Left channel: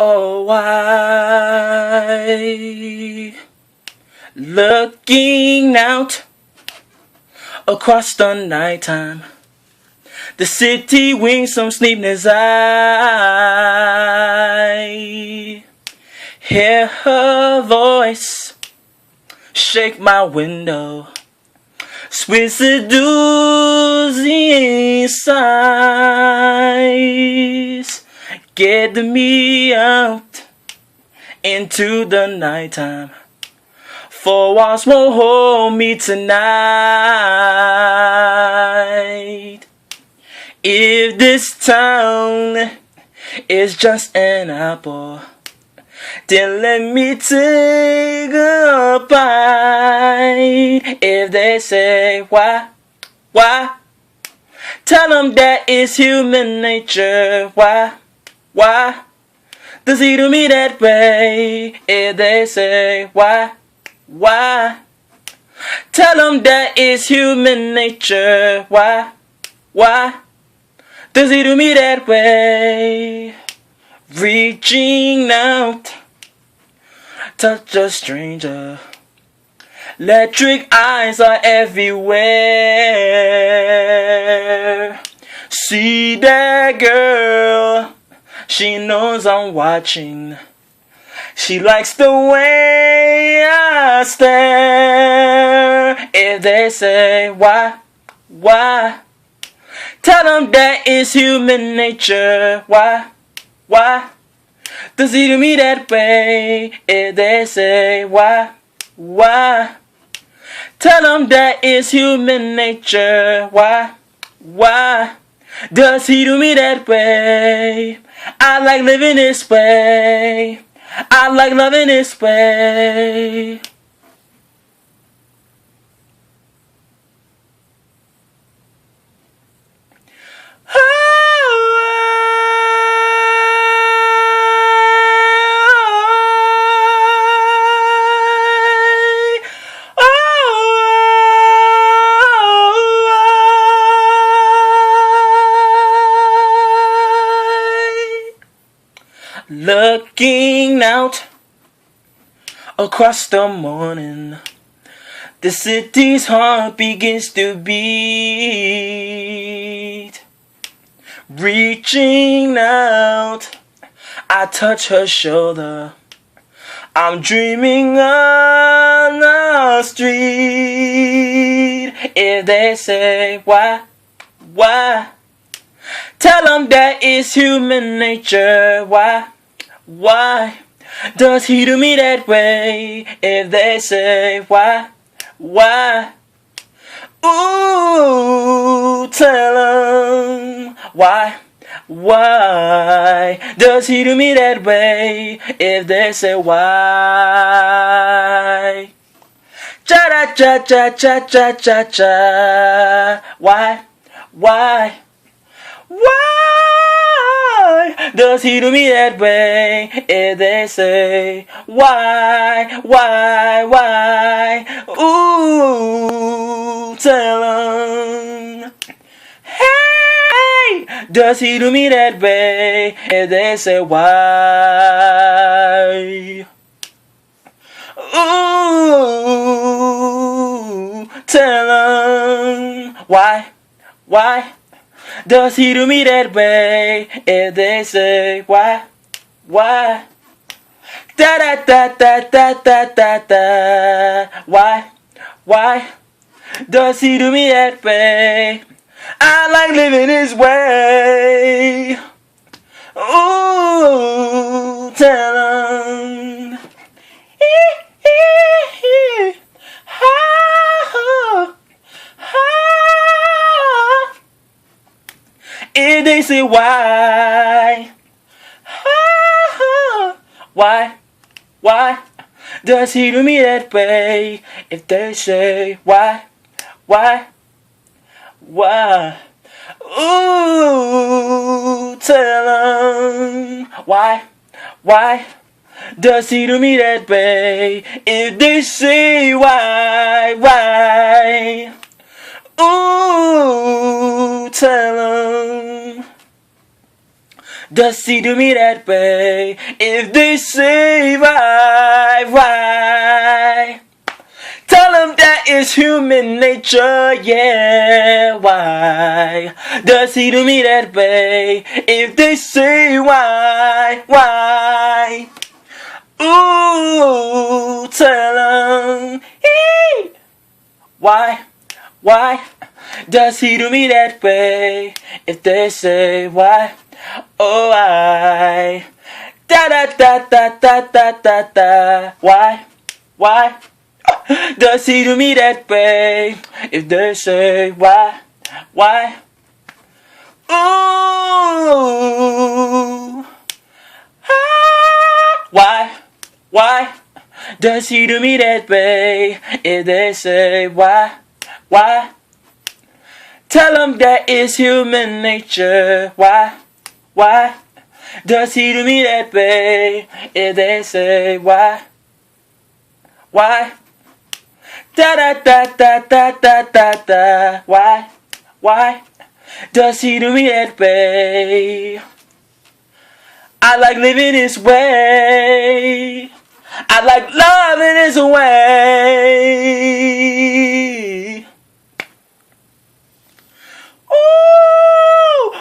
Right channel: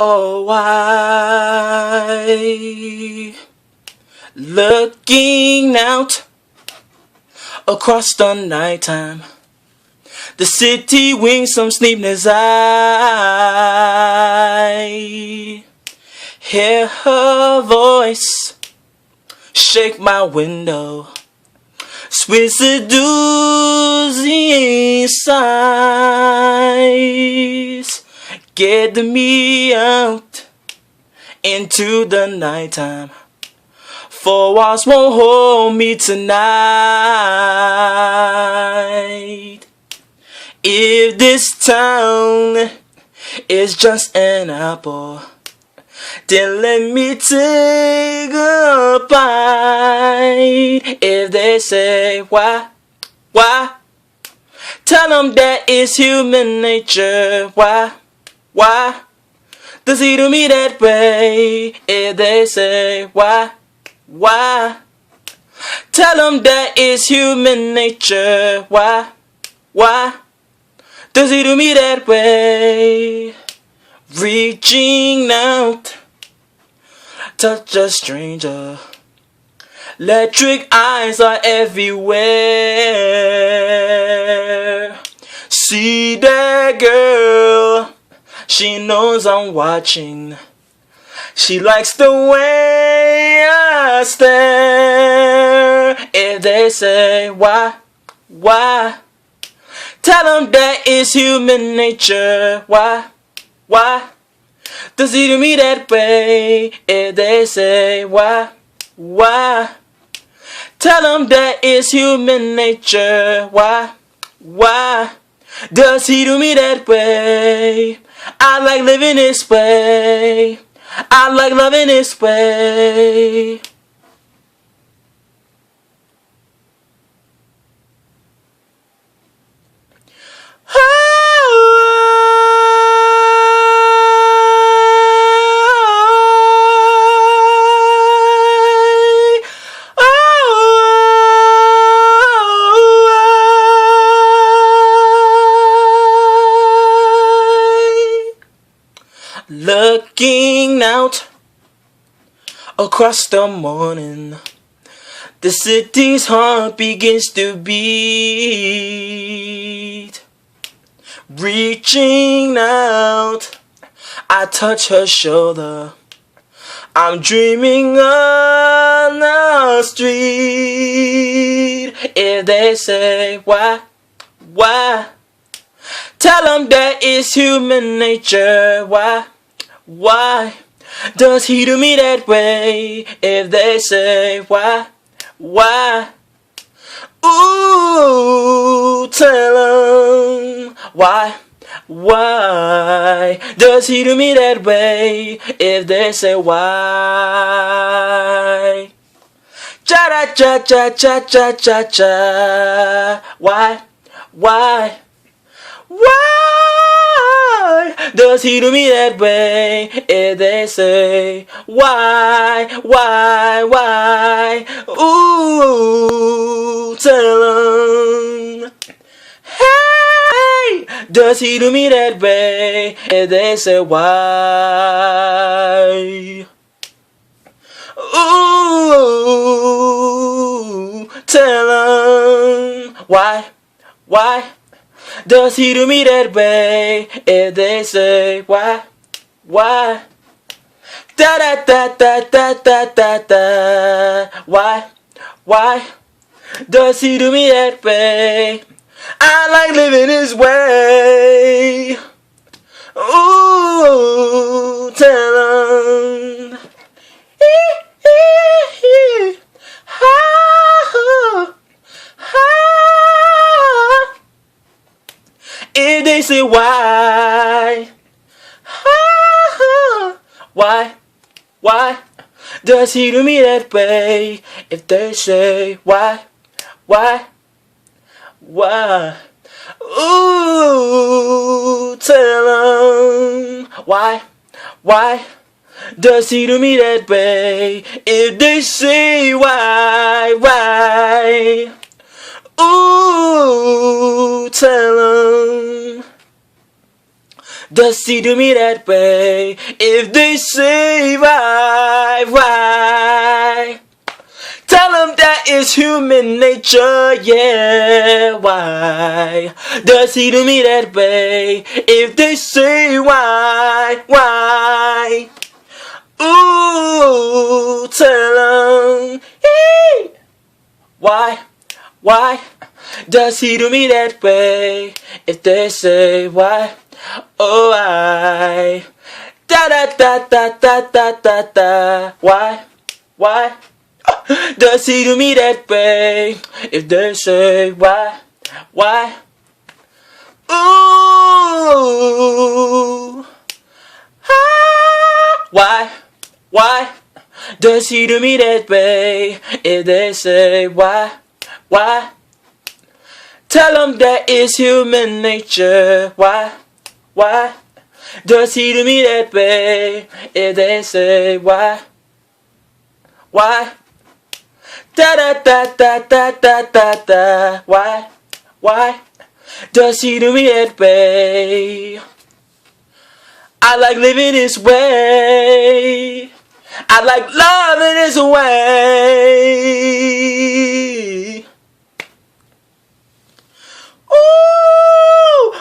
Oh, why? Looking out across the nighttime, the city winks some sleepless eye. Hear her voice shake my window, sweet seducing sighs get me out into the nighttime. Four walls won't hold me tonight. If this town is just an apple, then let me take a bite. If they say why, tell them that it's human nature. Why does he do me that way? If they say why, tell them that it's human nature. Why does he do me that way? Reaching out, touch a stranger. Electric eyes are everywhere. See that girl, she knows I'm watching. She likes the way I stare. If they say why, tell them that it's human nature. Why does he do me that way? If they say why, tell them that it's human nature. Why does he do me that way? I like living this way. I like loving this way. Looking out across the morning, the city's heart begins to beat. Reaching out, I touch her shoulder. I'm dreaming on the street. If they say why, tell them that it's human nature. Why does he do me that way? If they say why, ooh, tell them why does he do me that way? If they say why, cha cha cha cha cha cha cha, why does he do me that way? If they say why, ooh, tell them, hey, does he do me that way? If they say why, ooh, tell them why does he do me that way? If they say why, da da da da da da da da, why does he do me that way? I like living his way. Ooh, tell him. If they say why does he do me that way? If they say why, ooh, tell them why does he do me that way? If they say why, ooh, tell them Does he do me that way? If they say why? Tell him that is human nature, yeah, why? Does he do me that way? If they say why? Ooh, tell him, hey, why? Does he do me that way? If they say why? Oh, why? Da da da da da da da da. Why? Does he do me that way? If they say why? Ooh, ah, why? Does he do me that way? If they say why? Tell him that is human nature. Why? Does he do me that way? If they say why? Da da da da da da da da. Why? Does he do me that way? I like living this way. I like loving this way. Ooh,